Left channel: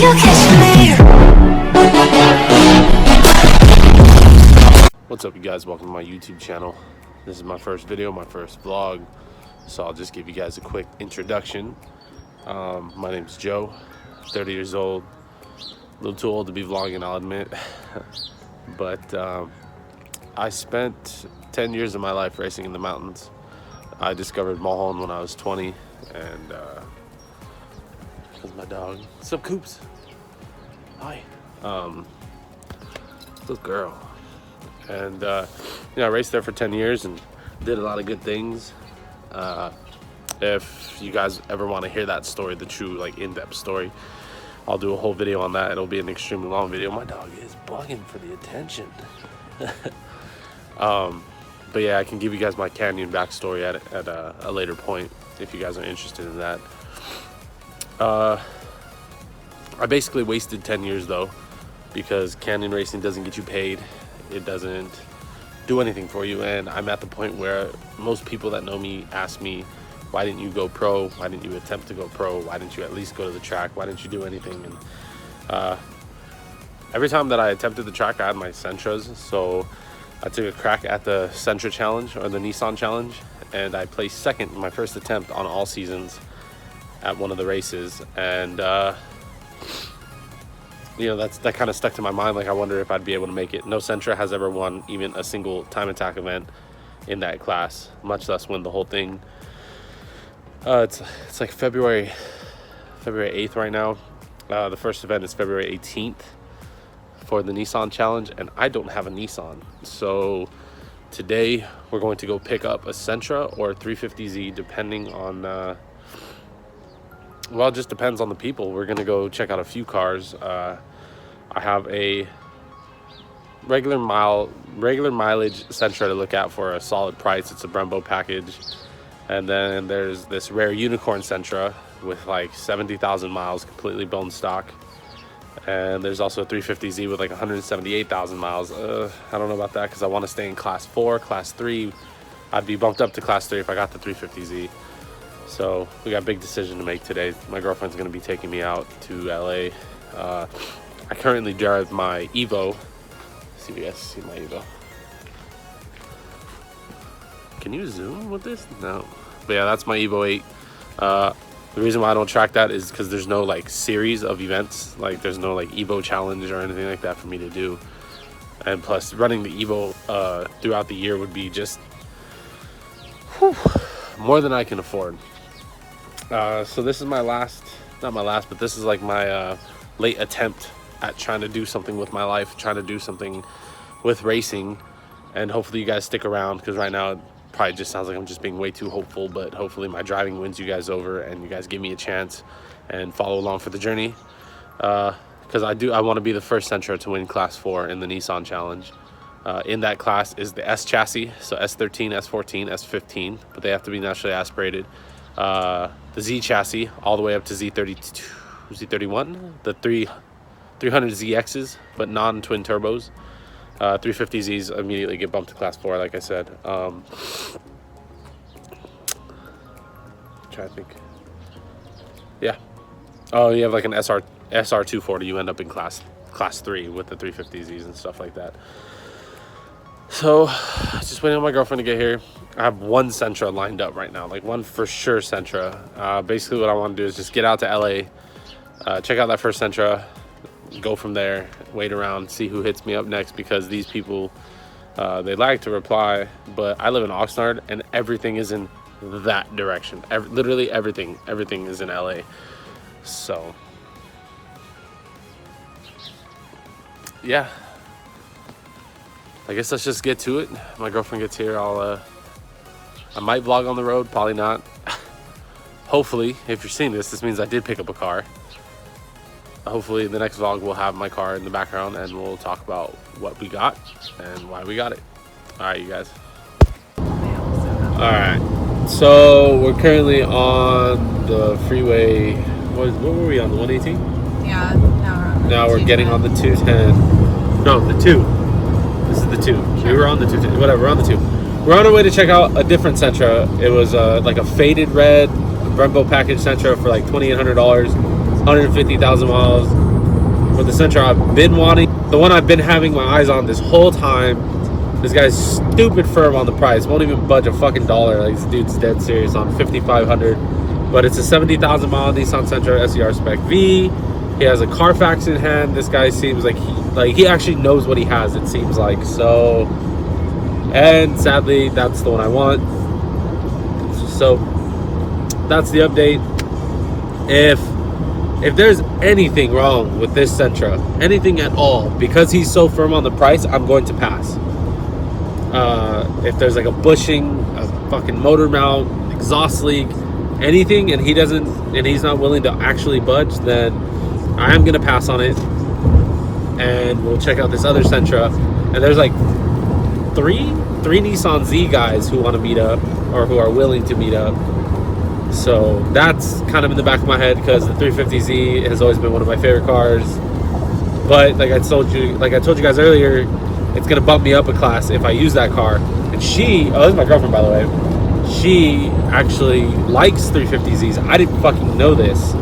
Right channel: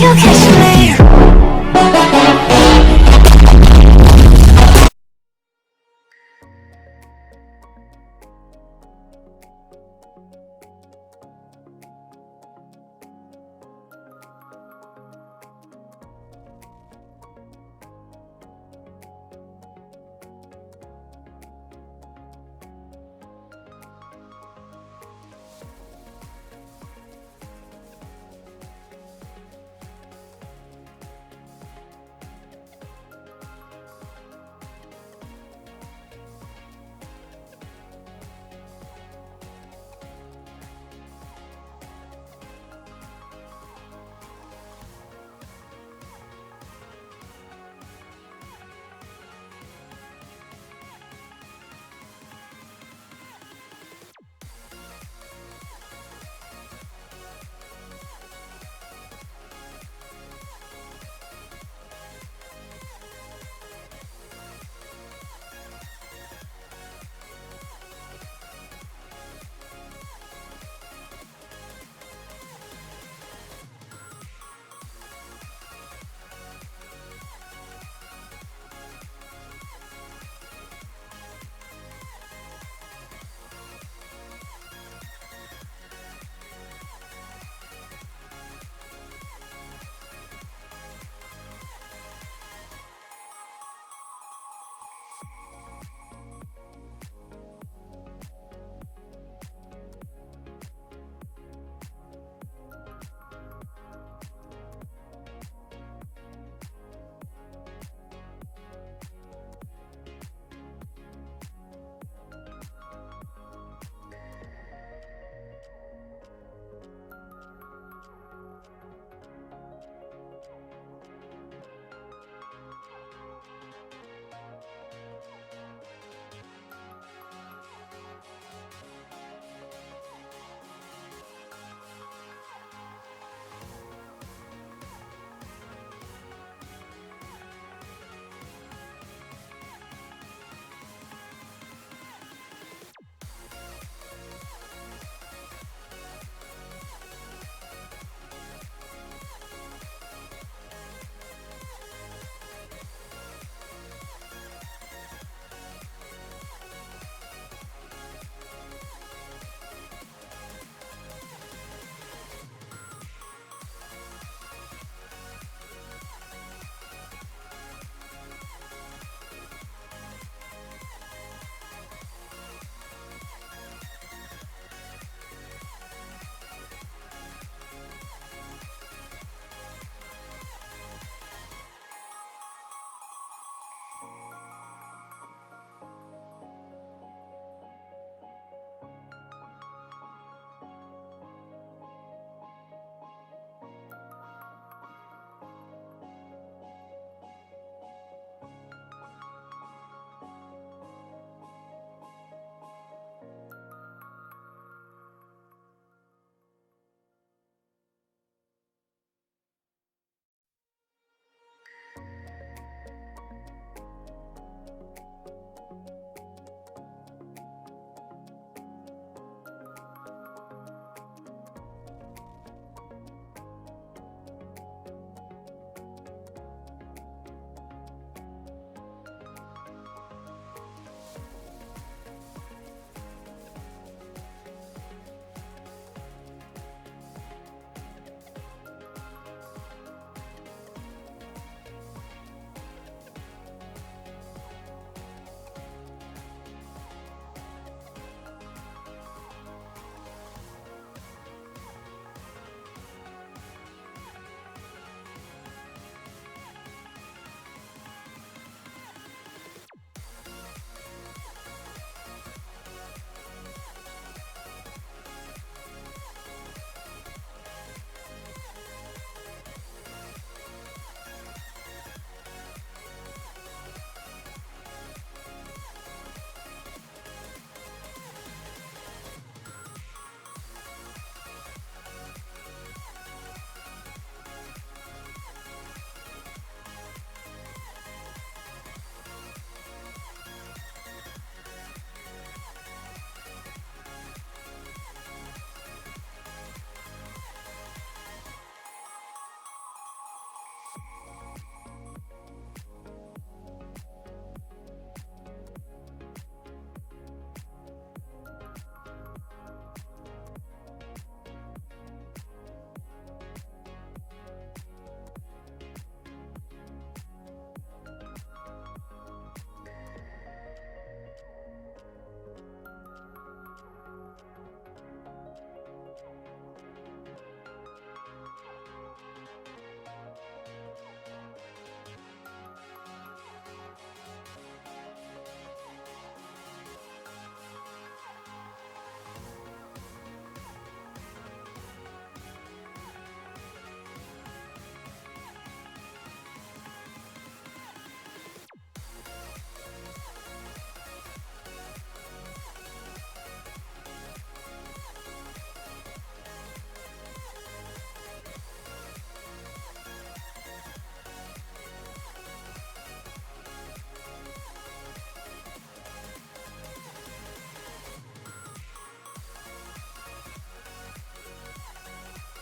you'll catch me. What's up, you guys? Welcome to my YouTube channel. This is my first video, my first vlog, so I'll just give you guys a quick introduction. My name's Joe, 30 years old, a little too old to be vlogging, I'll admit. But I spent 10 years of my life racing in the mountains. I discovered Mulholland when I was 20, and that's my dog. What's up, Coops? Hi. Good girl. And I raced there for 10 years and did a lot of good things. If you guys ever want to hear that story, the true like in-depth story, I'll do a whole video on that. It'll be an extremely long video. My dog is bugging for the attention. But yeah, I can give you guys my canyon backstory at a later point if you guys are interested in that. I basically wasted 10 years though, because canyon racing doesn't get you paid. It doesn't do anything for you, and I'm at the point where most people that know me ask me, why didn't you go pro? Why didn't you attempt to go pro? Why didn't you at least go to the track? Why didn't you do anything? And every time that I attempted the track, I had my Sentras, so I took a crack at the Sentra challenge, or the Nissan challenge, and I placed second in my first attempt on all seasons at one of the races. And that kind of stuck to my mind. Like, I wonder if I'd be able to make it. No Sentra has ever won even a single time attack event in that class, much less win the whole thing. It's like February 8th right now. The first event is February 18th for the Nissan challenge, and I don't have a Nissan. So today we're going to go pick up a Sentra or a 350Z, depending on well, it just depends on the people. We're gonna go check out a few cars. I have a regular mileage Sentra to look at for a solid price. It's a Brembo package. And then there's this rare unicorn Sentra with like 70,000 miles, completely bone stock. And there's also a 350Z with like 178,000 miles. I don't know about that, because I want to stay in class 4. Class 3, I'd be bumped up to class 3 if I got the 350Z. So we got a big decision to make today. My girlfriend's going to be taking me out to LA. I currently drive my Evo. See if you guys see my Evo. Can you zoom with this? No. But yeah, that's my Evo 8. The reason why I don't track that is because there's no like series of events. Like, there's no like Evo challenge or anything like that for me to do. And plus, running the Evo throughout the year would be just more than I can afford. So this is my last, not my last, but this is like my late attempt at trying to do something with my life, trying to do something with racing. And hopefully you guys stick around, because right now it probably just sounds like I'm just being way too hopeful, but hopefully my driving wins you guys over and you guys give me a chance and follow along for the journey. Because I want to be the first Sentra to win class 4 in the Nissan challenge. In that class is the S chassis, so S13, S14, S15, but they have to be naturally aspirated. The Z chassis all the way up to Z32, Z31, the 300ZXs, but non-twin turbos. 350Zs immediately get bumped to class 4, like I said. Trying to think. Yeah. Oh, you have like an SR240. You end up in class 3 with the 350Zs and stuff like that. So, just waiting on my girlfriend to get here. I have one Sentra lined up right now, like one for sure Sentra. Basically what I want to do is just get out to LA, check out that first Sentra, go from there, wait around, see who hits me up next, because these people, they like to reply, but I live in Oxnard and everything is in that direction. Literally everything is in LA. So, yeah. I guess let's just get to it. My girlfriend gets here, I might vlog on the road, probably not. Hopefully, if you're seeing this means I did pick up a car. Hopefully the next vlog will have my car in the background and we'll talk about what we got and why we got it. All right, you guys. All right, so we're currently on the freeway. What were we on, the 118? Yeah, now we're getting on the 210. No, the 2. This is the 2. We were on the 210. Whatever, we're on the 2. We're on our way to check out a different Sentra. It was like a faded red Brembo package Sentra for like $2,800. 150,000 miles. For the Sentra I've been wanting, the one I've been having my eyes on this whole time. This guy's stupid firm on the price. Won't even budge a fucking dollar. Like, this dude's dead serious on 5,500. But it's a 70,000 mile Nissan Sentra SER Spec V. He has a Carfax in hand. This guy seems like he actually knows what he has, it seems like. So, and sadly, that's the one I want. So that's the update. If there's anything wrong with this Sentra, anything at all, because he's so firm on the price, I'm going to pass. If there's like a bushing, a fucking motor mount, exhaust leak, anything, and he's not willing to actually budge, then I am gonna pass on it, and we'll check out this other Sentra. And there's like three Nissan Z guys who want to meet up, or who are willing to meet up. So that's kind of in the back of my head, because the 350Z has always been one of my favorite cars. But like I told you guys earlier, it's gonna bump me up a class if I use that car. And this is my girlfriend, by the way. She actually likes 350Zs. I didn't fucking know this,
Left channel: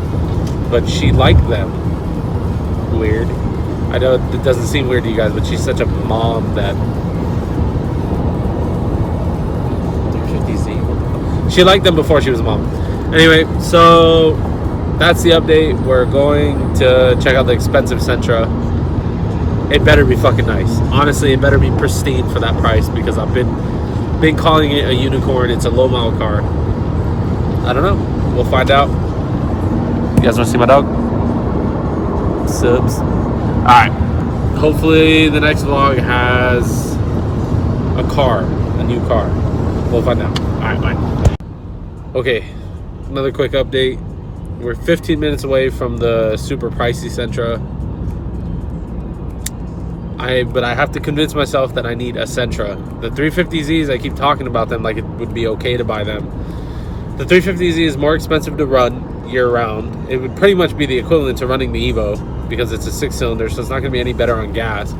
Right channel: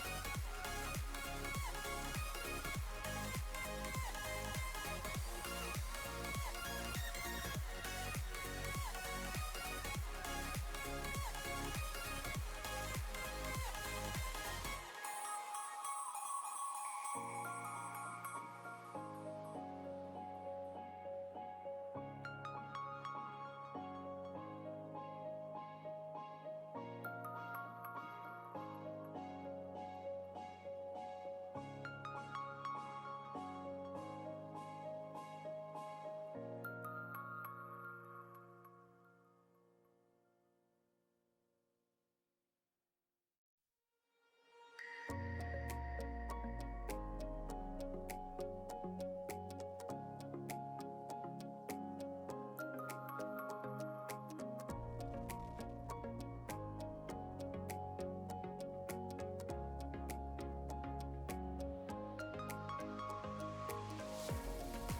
but she liked them. Weird. I know it doesn't seem weird to you guys, but she's such a mom that 350Z. She liked them before she was a mom. Anyway, so that's the update. We're going to check out the expensive Sentra. It better be fucking nice. Honestly, it better be pristine for that price, because I've been calling it a unicorn. It's a low mile car. I don't know. We'll find out. You guys want to see my dog? Subs. Alright. Hopefully the next vlog has a new car. We'll find out. Alright, bye. Okay, another quick update. We're 15 minutes away from the super pricey Sentra. But I have to convince myself that I need a Sentra. The 350Zs, I keep talking about them like it would be okay to buy them. The 350Z is more expensive to run year-round. It would pretty much be the equivalent to running the Evo, because it's a 6-cylinder, so it's not going to be any better on gas.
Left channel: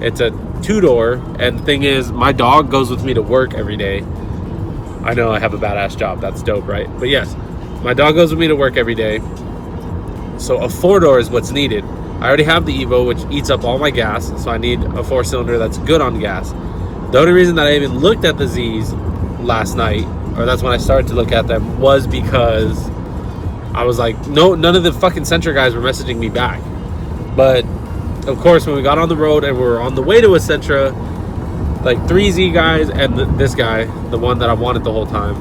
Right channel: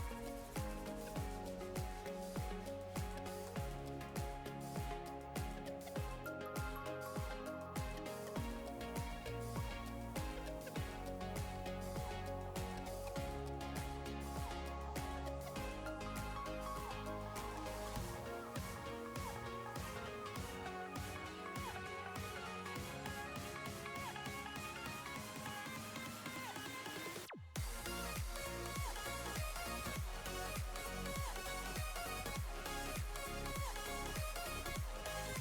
It's a 2-door, and the thing is, my dog goes with me to work every day. I know I have a badass job. That's dope, right? But yes, my dog goes with me to work every day. So a 4-door is what's needed. I already have the Evo, which eats up all my gas, so I need a 4-cylinder that's good on gas. The only reason that I even looked at the Zs last night, or that's when I started to look at them, was because I was like, no, none of the fucking Sentra guys were messaging me back. But of course, when we got on the road and we were on the way to a Sentra, like 3 Z guys and this guy, the one that I wanted the whole time,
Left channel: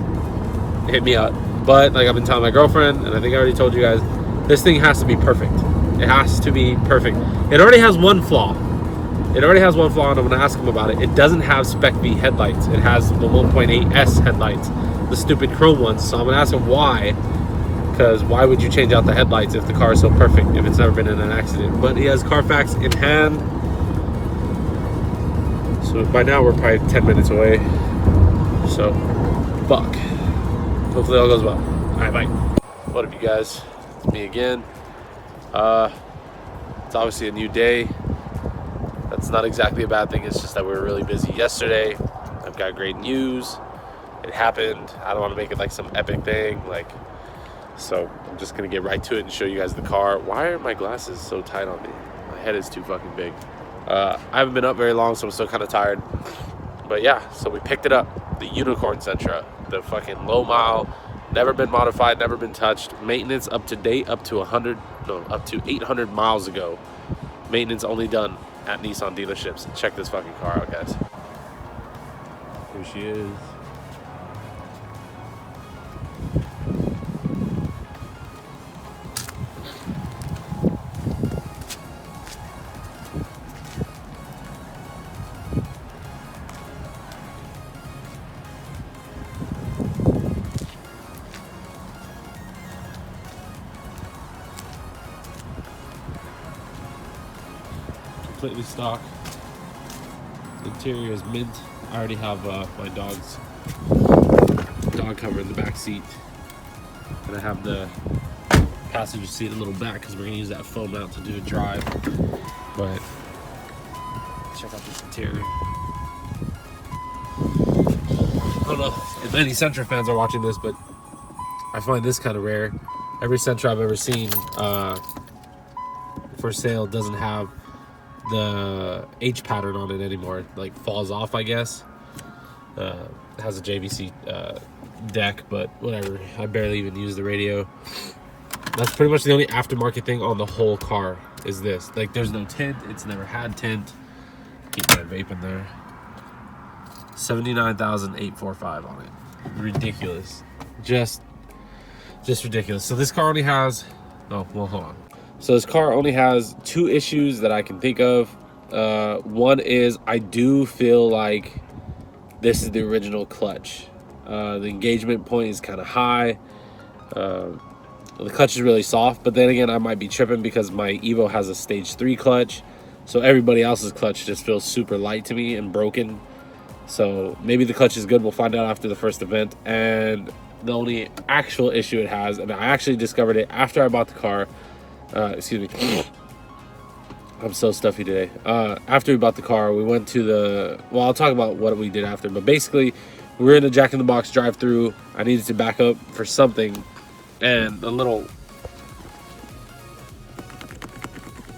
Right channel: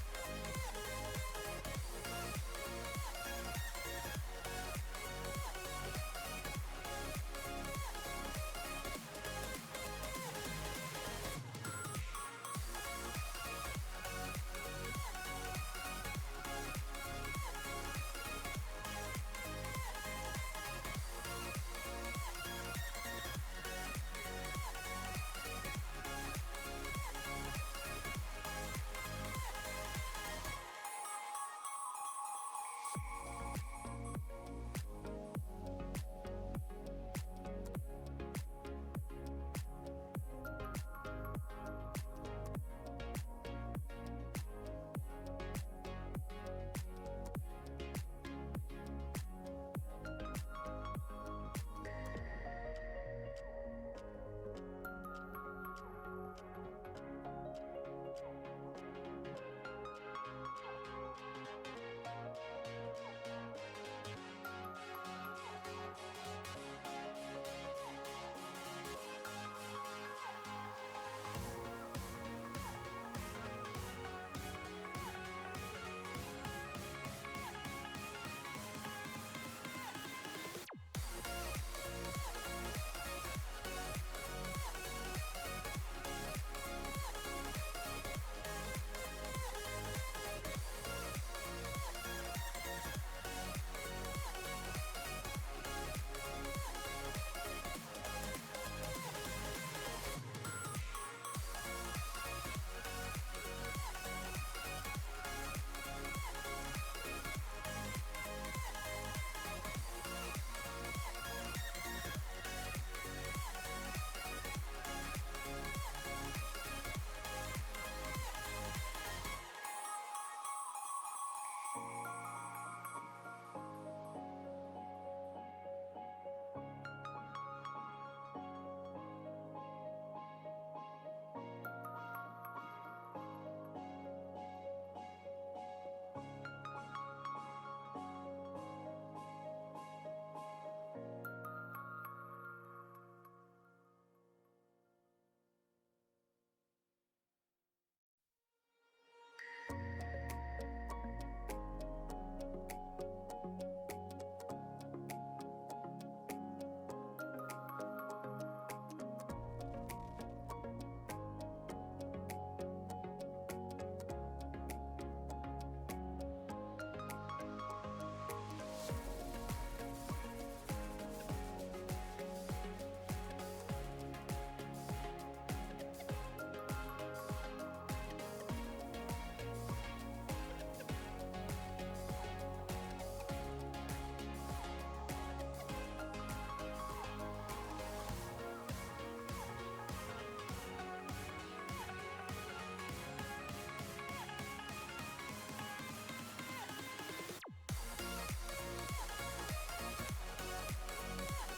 hit me up. But like I've been telling my girlfriend, and I think I already told you guys, this thing has to be perfect. It has to be perfect. It already has one flaw. And I'm gonna ask him about it. It doesn't have Spec V headlights. It has the 1.8S headlights, the stupid chrome ones. So I'm gonna ask him why. Because why would you change out the headlights if the car is so perfect, if it's never been in an accident? But he has Carfax in hand. So by now we're probably 10 minutes away. So, fuck. Hopefully all goes well. Alright, bye. What up, you guys? It's me again. It's obviously a new day. That's not exactly a bad thing. It's just that we were really busy yesterday. I've got great news. It happened. I don't want to make it like some epic thing. So I'm just gonna get right to it and show you guys the car. Why are my glasses so tight on me? My head is too fucking big. I haven't been up very long, so I'm still kind of tired. But yeah, so we picked it up. The unicorn Sentra, the fucking low mile, never been modified, never been touched. Maintenance up to date, up to 800 miles ago. Maintenance only done at Nissan dealerships. Check this fucking car out, guys. Here she is. Completely stock. The interior is mint. I already have my dog's dog cover in the back seat, and I have the passenger seat a little back because we're gonna use that foam mount to do a drive. But check out this interior. I don't know if any Sentra fans are watching this, but I find this kind of rare. Every Sentra I've ever seen for sale doesn't have the H pattern on it anymore. It, like, falls off, I guess. It has a JVC deck, but whatever. I barely even use the radio. That's pretty much the only aftermarket thing on the whole car is this. Like, there's no tint. It's never had tint. Keep that vape in there. 79,845 on it. Ridiculous. Just ridiculous. So this car only has, oh, well, hold on. So this car only has 2 issues that I can think of. One is I do feel like this is the original clutch. The engagement point is kind of high. The clutch is really soft, but then again, I might be tripping because my Evo has a stage 3 clutch. So everybody else's clutch just feels super light to me and broken. So maybe the clutch is good. We'll find out after the first event. And the only actual issue it has, and I actually discovered it after I bought the car. Excuse me. I'm so stuffy today. After we bought the car, we went to the, well, I'll talk about what we did after, but basically we were in a Jack in the Box drive-thru. I needed to back up for something, and a little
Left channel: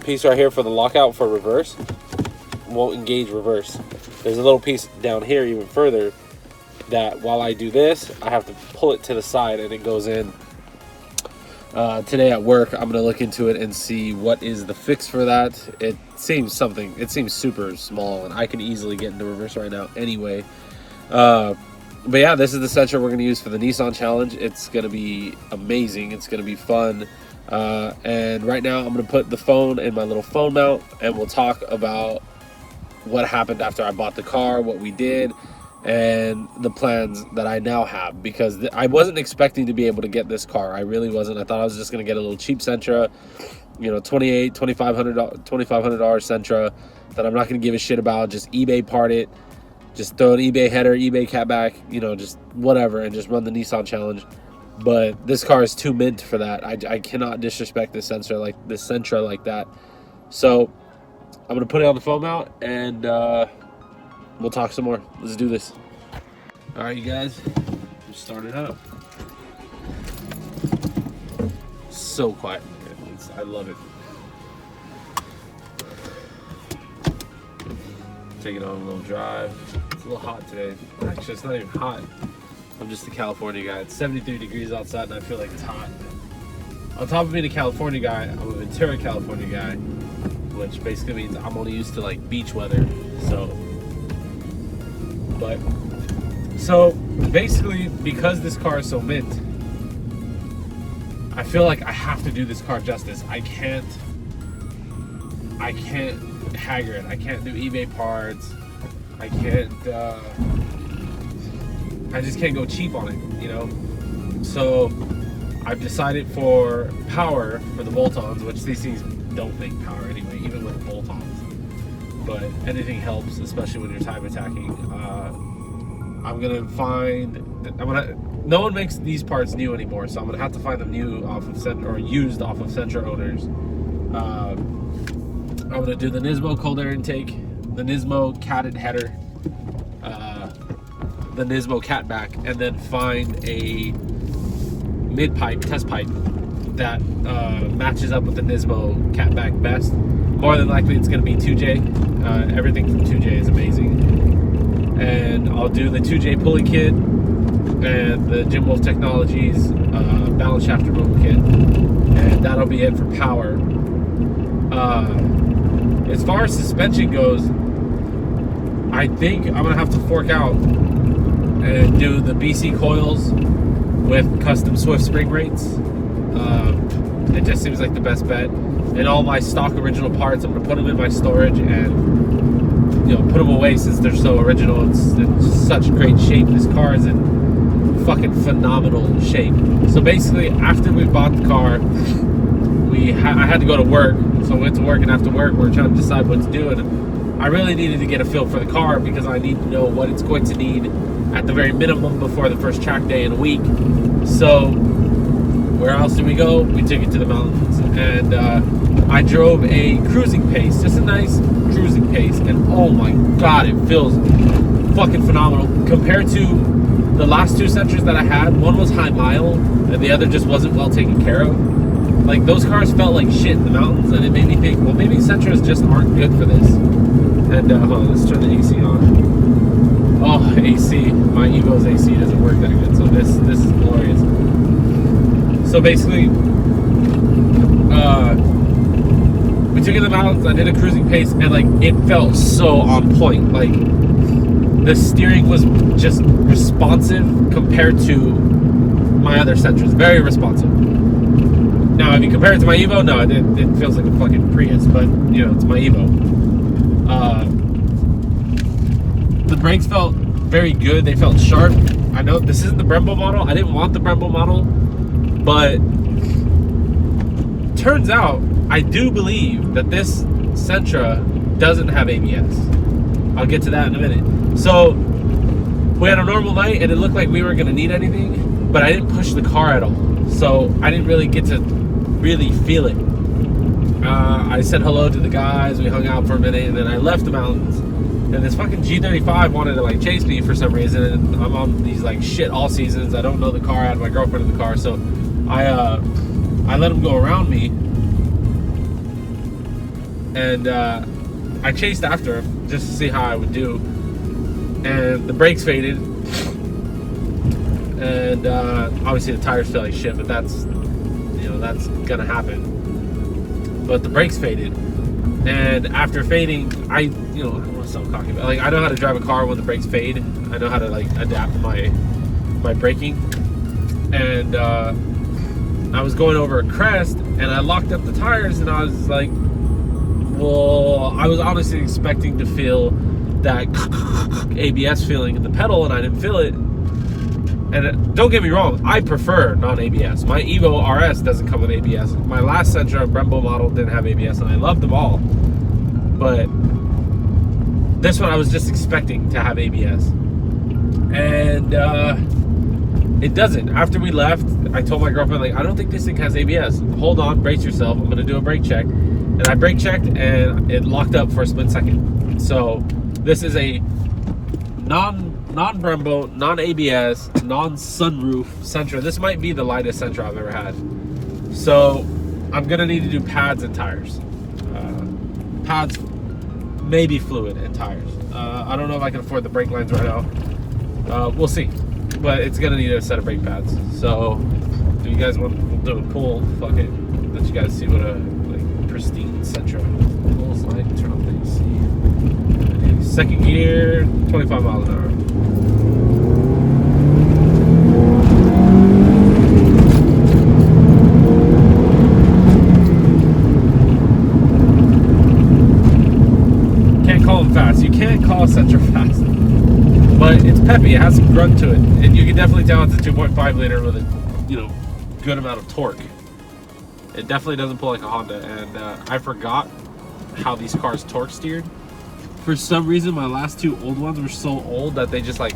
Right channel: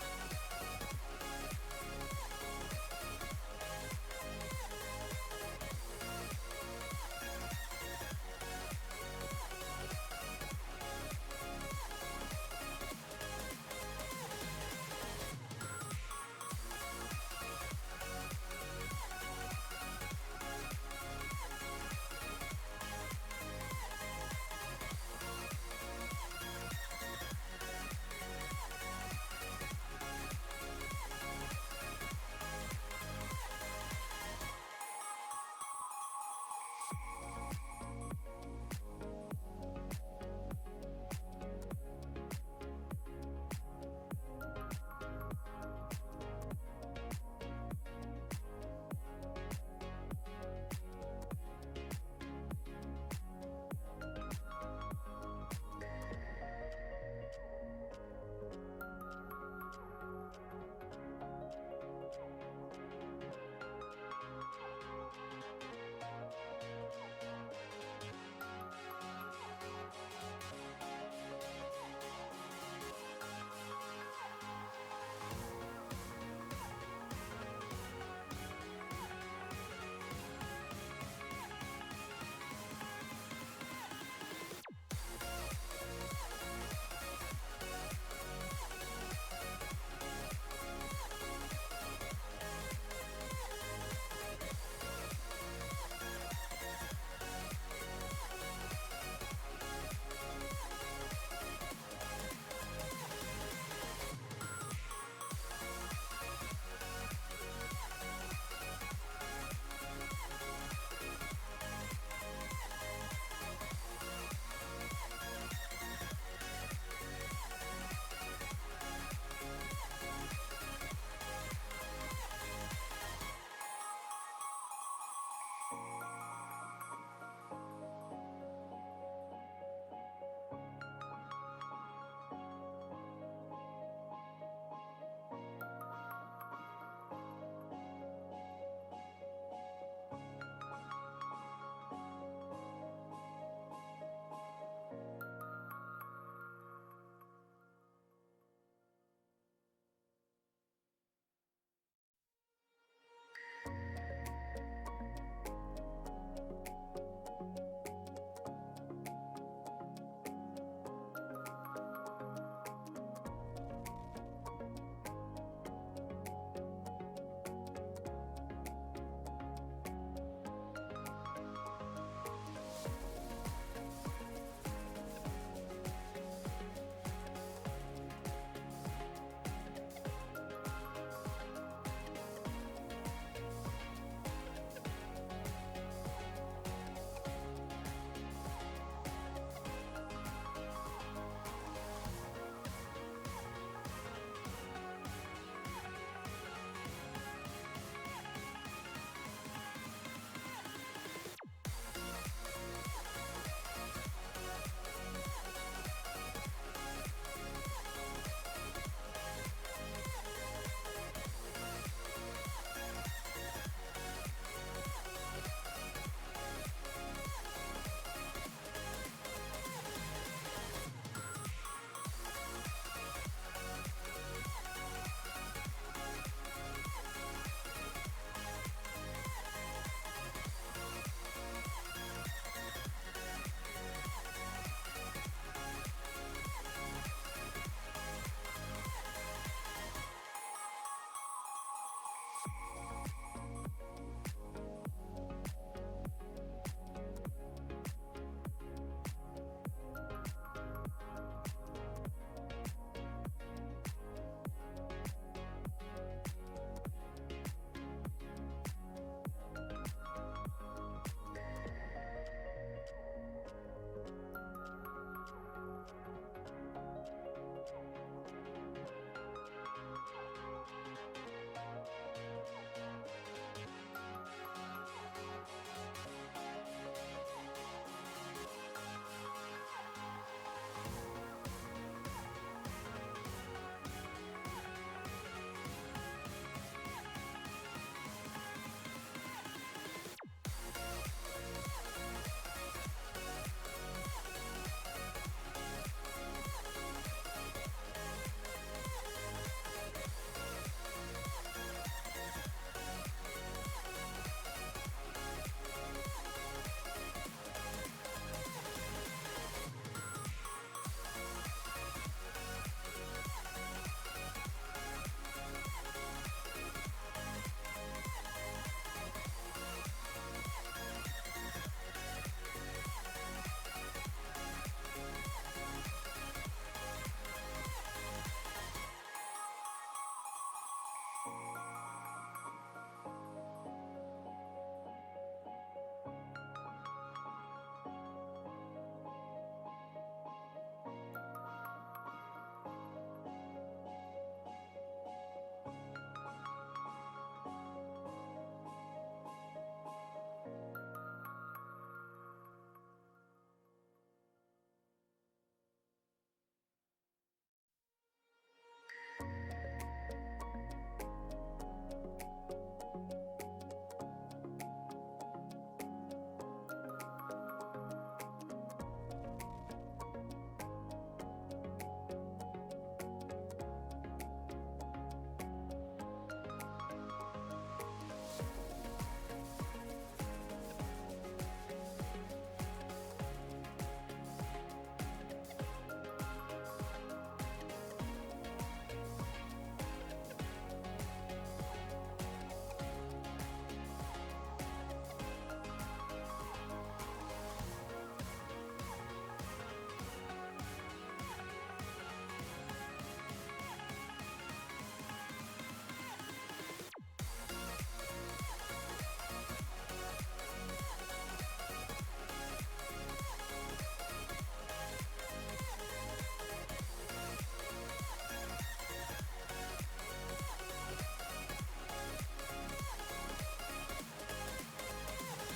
piece right here for the lockout for reverse won't engage reverse. There's a little piece down here even further that while I do this, I have to pull it to the side and it goes in. Today at work, I'm gonna look into it and see what is the fix for that. It seems super small, and I can easily get into reverse right now anyway. But yeah, this is the Sentra we're gonna use for the Nissan Challenge. It's gonna be amazing. It's gonna be fun. And right now, I'm gonna put the phone in my little phone mount, and we'll talk about what happened after I bought the car, what we did, and the plans that I now have, because I wasn't expecting to be able to get this car. I really wasn't. I thought I was just going to get a little cheap Sentra, you know, $2,500 Sentra that I'm not going to give a shit about, just eBay part it, just throw an eBay header, eBay catback, you know, just whatever, and just run the Nissan Challenge. But this car is too mint for that. I cannot disrespect this Sentra like that. So I'm going to put it on the phone mount, and we'll talk some more. Let's do this. All right, you guys, just start it up. So quiet. I love it. Take it on a little drive. It's a little hot today. Actually, it's not even hot. I'm just a California guy. It's 73 degrees outside, and I feel like it's hot. On top of being a California guy, I'm a Ventura, California guy, which basically means I'm only used to like beach weather. So basically, because this car is so mint, I feel like I have to do this car justice. I can't hagger it. I can't do eBay parts. I just can't go cheap on it, you know? So I've decided for power, for the bolt-ons, which these things don't make power anyway, even with bolt-ons. But anything helps, especially when you're time attacking. No one makes these parts new anymore, so I'm gonna have to find them new off of Sentra, or used off of Sentra owners. I'm gonna do the Nismo cold air intake, the Nismo catted header, the Nismo catback, and then find a mid-pipe, test pipe that matches up with the Nismo catback best. More than likely it's gonna be 2J. Everything from 2J is amazing. And I'll do the 2J pulley kit and the Jim Wolf Technologies balance shaft removal kit, and that'll be it for power. As far as suspension goes, I think I'm gonna have to fork out and do the BC coils with custom Swift spring rates. It just seems like the best bet. And all my stock original parts, I'm gonna put them in my storage and, you know, put them away since they're so original. It's such great shape. This car is in fucking phenomenal shape. So basically, after we bought the car, I had to go to work. So I went to work, and after work, we were trying to decide what to do. And I really needed to get a feel for the car because I need to know what it's going to need at the very minimum before the first track day in a week. So where else did we go? We took it to the mountains, and I drove a cruising pace, just a nice cruising pace, and oh my god, it feels fucking phenomenal compared to the last two Sentras that I had, one was high mile and the other just wasn't well taken care of. Like, those cars felt like shit in the mountains, and it made me think, well, maybe Sentras just aren't good for this. And hold on, let's turn the AC on. Oh, AC. My Evo's AC doesn't work that good, so this is glorious. So basically, we took it in the mountains. I did a cruising pace, and like, it felt so on point. Like, the steering was just responsive compared to my other Sentras. Very responsive. Now, if you compare it to my Evo, no, it feels like a fucking Prius, but, you know, it's my Evo. The brakes felt very good. They felt sharp. I know this isn't the Brembo model. I didn't want the Brembo model, but turns out I do believe that this Sentra doesn't have ABS. I'll get to that in a minute. So we had a normal night, and it looked like we weren't going to need anything, but I didn't push the car at all, so I didn't really get to really feel it. I said hello to the guys, we hung out for a minute, and then I left the mountains, and this fucking G35 wanted to like chase me for some reason, and I'm on these like shit all seasons. I don't know the car. I had my girlfriend in the car, so I let him go around me, and I chased after him just to see how I would do, and the brakes faded, and obviously the tires feel like shit, but that's, you know, that's gonna happen. But the brakes faded, and after fading, I what's I'm talking about? Like, I know how to drive a car when the brakes fade. I know how to like adapt my braking, and I was going over a crest, and I locked up the tires, and I was like, well, I was honestly expecting to feel that ABS feeling in the pedal, and I didn't feel it. And don't get me wrong, I prefer non-ABS. My Evo RS doesn't come with ABS. My last Sentra Brembo model didn't have ABS, and I loved them all. But this one I was just expecting to have ABS. And it doesn't. After we left, I told my girlfriend, like, I don't think this thing has ABS. Hold on, brace yourself. I'm going to do a brake check. And I brake checked, and it locked up for a split second. So this is a non-Brembo, non-ABS, non-sunroof Sentra. This might be the lightest Sentra I've ever had. So I'm gonna need to do pads and tires. Pads, maybe fluid, and tires. I don't know if I can afford the brake lines right now. We'll see. But it's gonna need a set of brake pads. So do you guys want to do a pull? Fuck it. Let you guys see what a like pristine Sentra pulls like. Turn on the AC. Second gear, 25 miles an hour. Can't call them fast. You can't call a Sentra fast. But it's peppy. It has some grunt to it. And you can definitely tell it's a 2.5 liter with a, good amount of torque. It definitely doesn't pull like a Honda. And I forgot how these cars torque steered. For some reason, my last two old ones were so old that they just like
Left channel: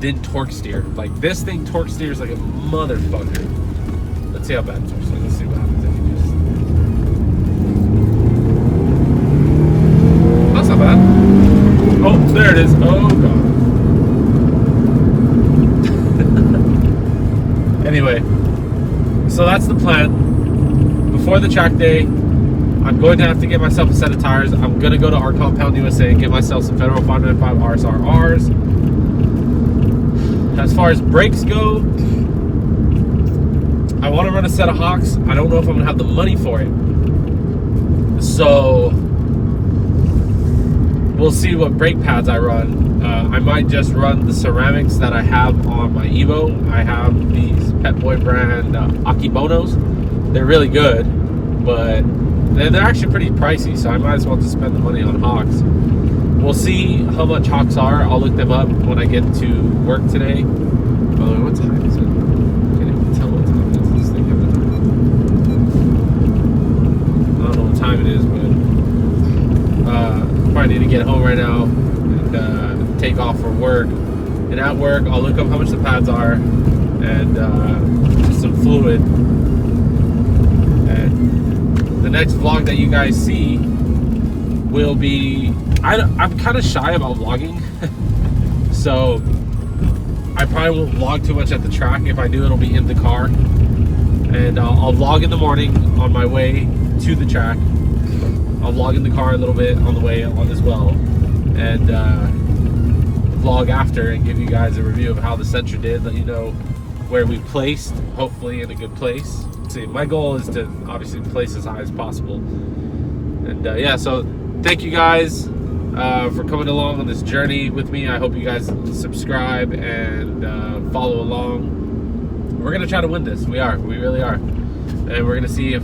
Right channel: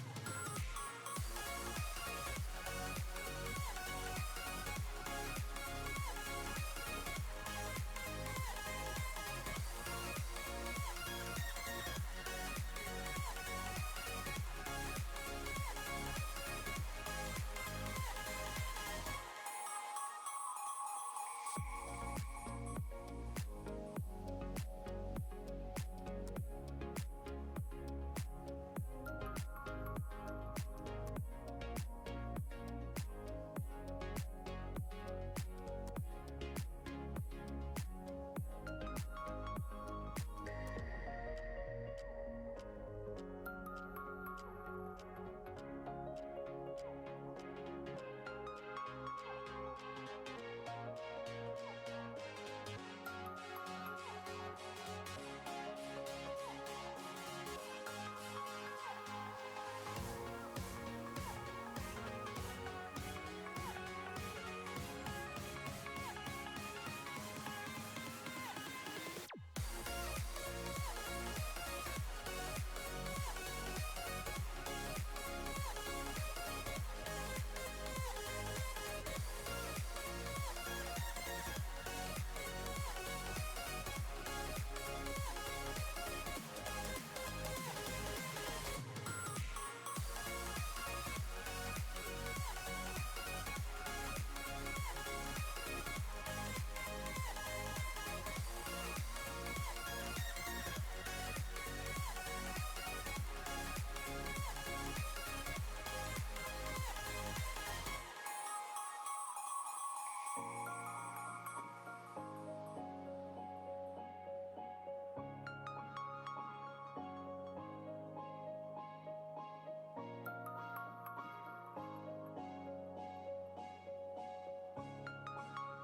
didn't torque steer. Like, this thing torque steers like a motherfucker. Let's see how bad it torque steers. Let's see what happens if you just... That's not bad. Oh, there it is. Oh god. Anyway, so that's the plan. Before the track day, I'm going to have to get myself a set of tires. I'm going to go to our Compound USA and get myself some Federal 595 RSRs. As far as brakes go, I want to run a set of Hawks. I don't know if I'm going to have the money for it. So we'll see what brake pads I run. I might just run the ceramics that I have on my Evo. I have these Pet Boy brand Akibonos. They're really good, but they're actually pretty pricey, so I might as well just spend the money on Hawks. We'll see how much Hawks are. I'll look them up when I get to work today. By the way, what time is it? I can't even tell what time it is. This thing coming up. I don't know what time it is, but probably need to get home right now and take off for work. And at work, I'll look up how much the pads are and some fluid. The next vlog that you guys see will be... I'm kind of shy about vlogging. So I probably won't vlog too much at the track. If I do, it'll be in the car. And I'll vlog in the morning on my way to the track. I'll vlog in the car a little bit on the way on as well. And vlog after and give you guys a review of how the Sentra did. Let you know where we placed, hopefully in a good place. See, my goal is to obviously place as high as possible. And yeah, so thank you guys for coming along on this journey with me. I hope you guys subscribe and follow along. We're gonna try to win this. We really are. And we're gonna see if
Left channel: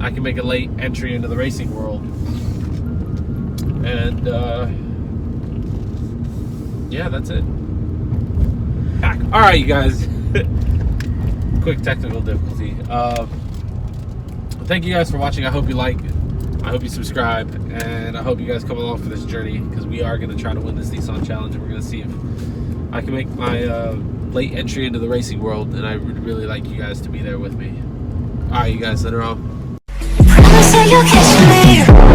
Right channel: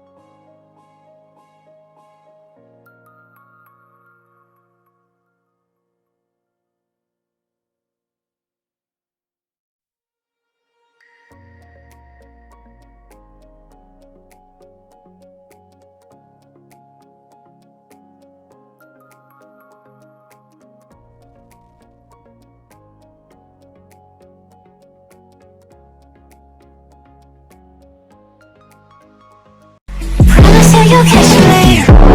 I can make a late entry into the racing world. And yeah, that's it. Back. All right, you guys. Quick technical difficulty. Thank you guys for watching. I hope you like. I hope you subscribe, and I hope you guys come along for this journey, because we are going to try to win this Nissan challenge, and we're going to see if I can make my late entry into the racing world, and I would really like you guys to be there with me. All right, you guys, later on. Promise you you'll catch me.